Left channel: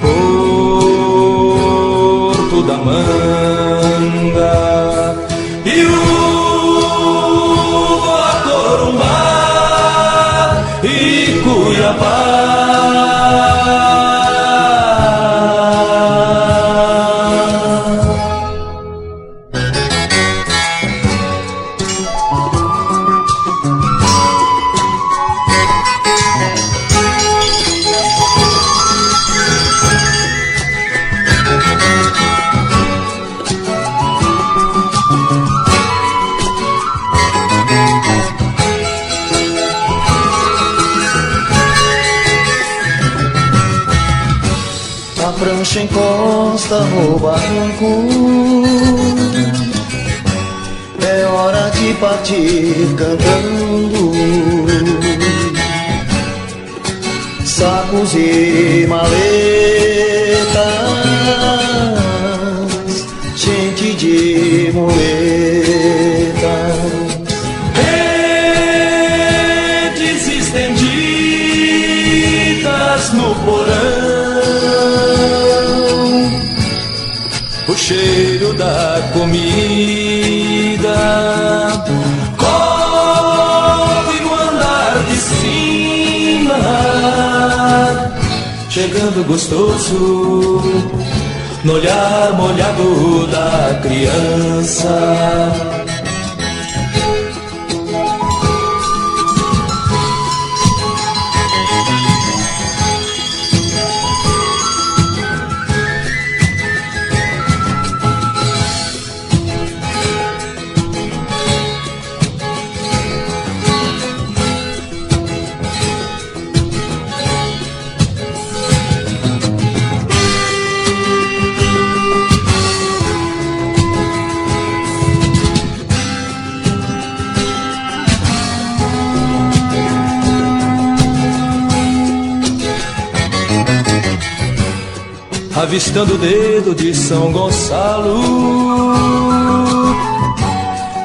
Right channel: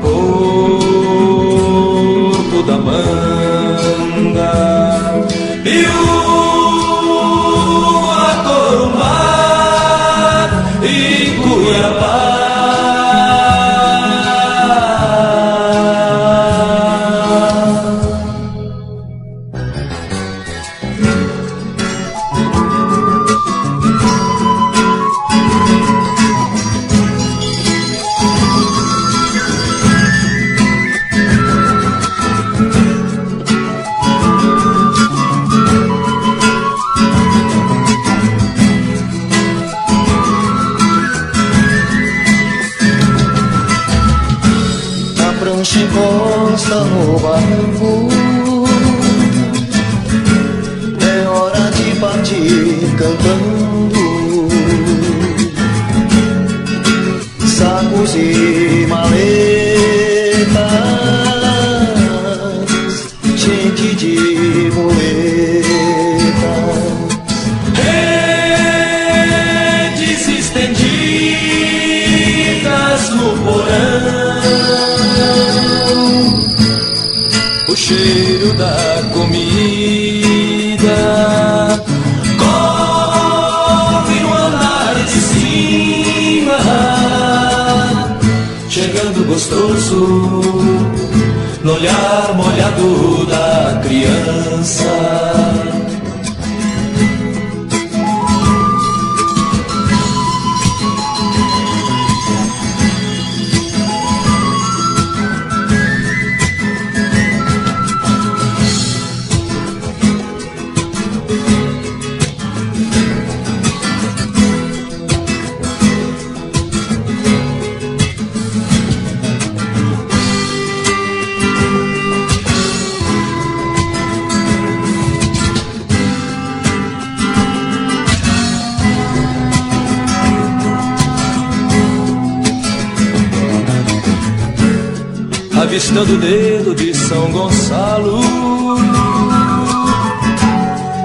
Porto da Manga e Uva, Corumbá e Cuiabá. A prancha encosta no barranco, é hora de partir cantando. Sacos e maletas, gente de muletas, Redes estendidas no porão, o cheiro da comida corre no andar de cima, chegando gostoso no olhar molhado da criança. Avistando o dedo de São Gonçalo,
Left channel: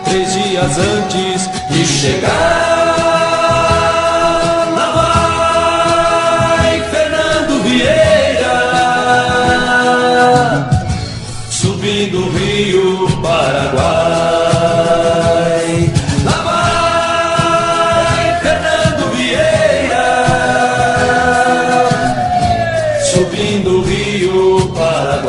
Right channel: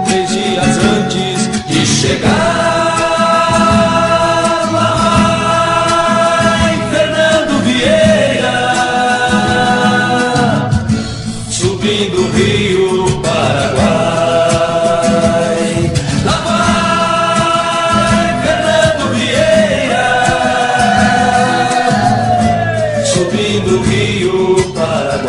3 dias antes de chegar, lá vai Fernando Vieira, subindo o rio Paraguai. Lá vai Fernando Vieira, subindo o rio Paraguai.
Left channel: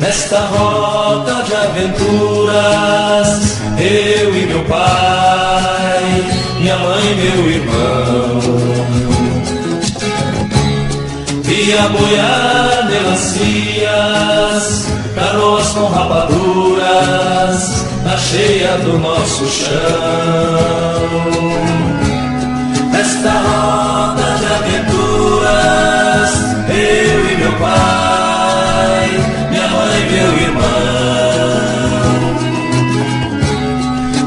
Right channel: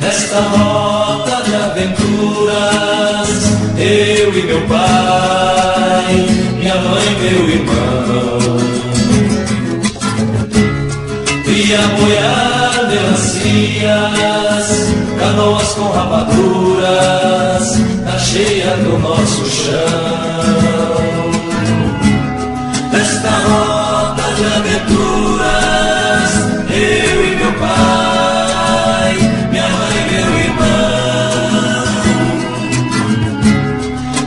Nesta rota de aventuras, eu e meu pai, minha mãe e meu irmão, via boiar melancias, canoas com rapaduras, na cheia do nosso chão. Nesta rota de aventuras, eu e meu pai, minha mãe e meu irmão,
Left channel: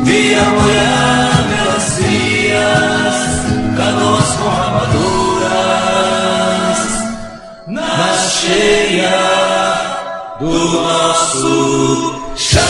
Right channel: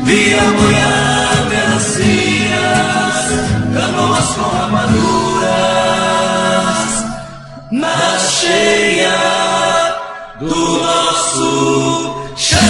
via boiar melancias, canoas com rapaduras, na cheia do nosso chão.